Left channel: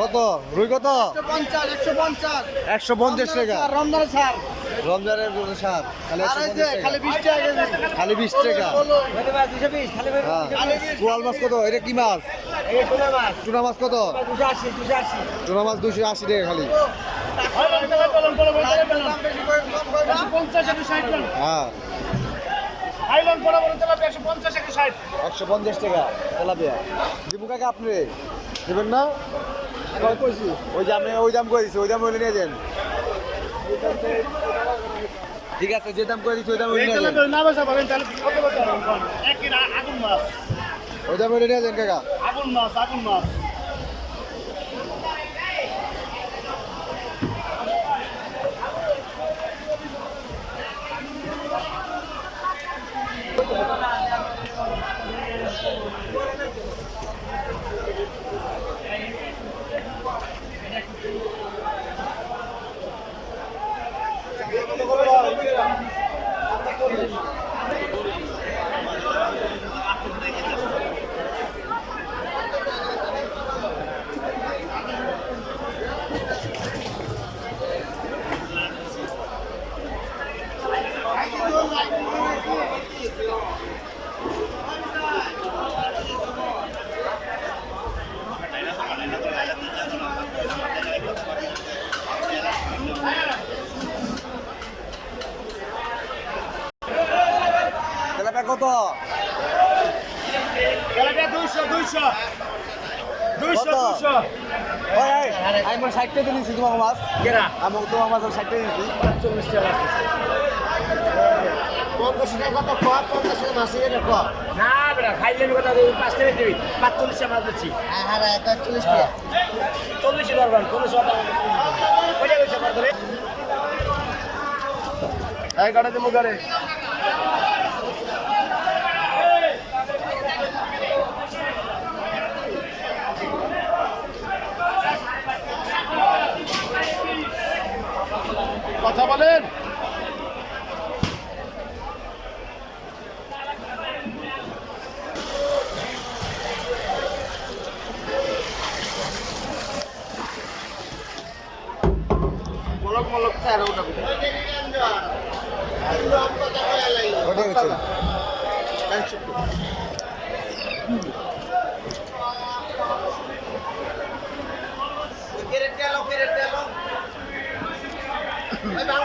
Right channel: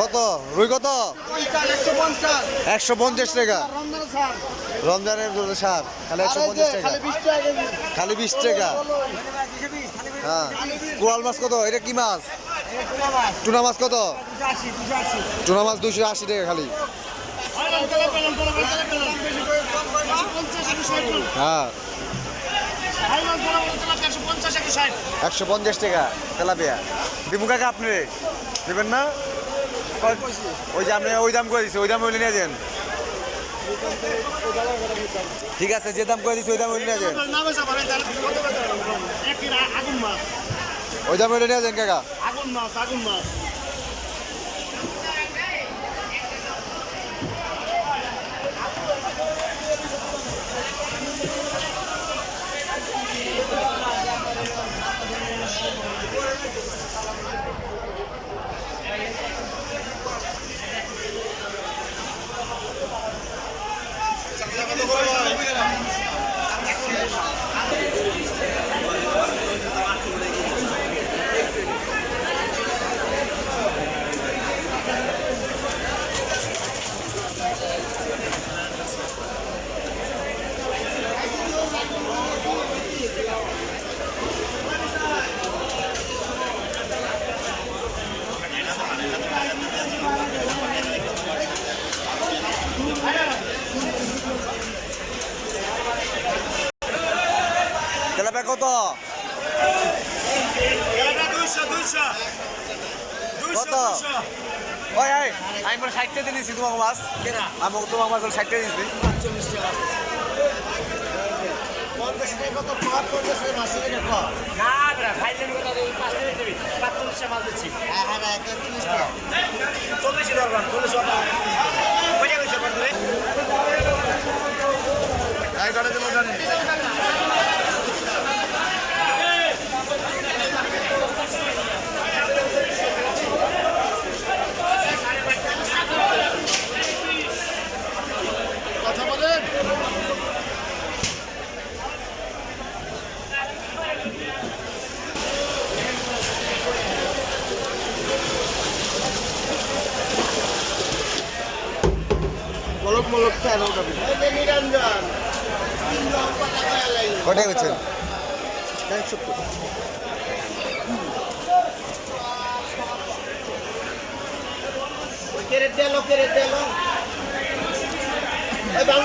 কত রুই কত? 150 টাকা। রমজানের সার খালি 150 টাকা, খালি 20 টাকা। হ্যাঁ, কোরাল মাছ কত? এটা কি মাছ? টুনা মাছ কত? টুনা মাছ 280 টাকা খালি। হ্যাঁ, 150 টাকা তেলাপিয়া। দিবু কাকা আপনি দেবেন না? ওই যে আপনি ওই দাম করে দিচ্ছি, ওই দাম হইলে নিয়ে যান। ঠিক আছে, যে দাম করে দিচ্ছি ওই দাম হইলে নিয়ে যান। ওই দাম হইলে নিয়ে যান কাকা। আগুন মাছ তেলাপিয়া কত? কত? ওই আমি মোট 60 টাকা দিয়েছি তোমাকে মাছ। আমি তোমার মাছ 60 টাকা দিয়েছি। 40 টাকা। না বেটা খাইলেন কথা 5 টাকা দিবি 45 টাকা মাছ দিচ্ছি। হ্যাঁ 41 টাকা 40 ধরবান 40 টাকা কইটা কইছ পার ধরে এই গাড়ি দেবো জানেন কথা বলেন। মলক তেরো টাকা কটাই হচ্ছেন? 70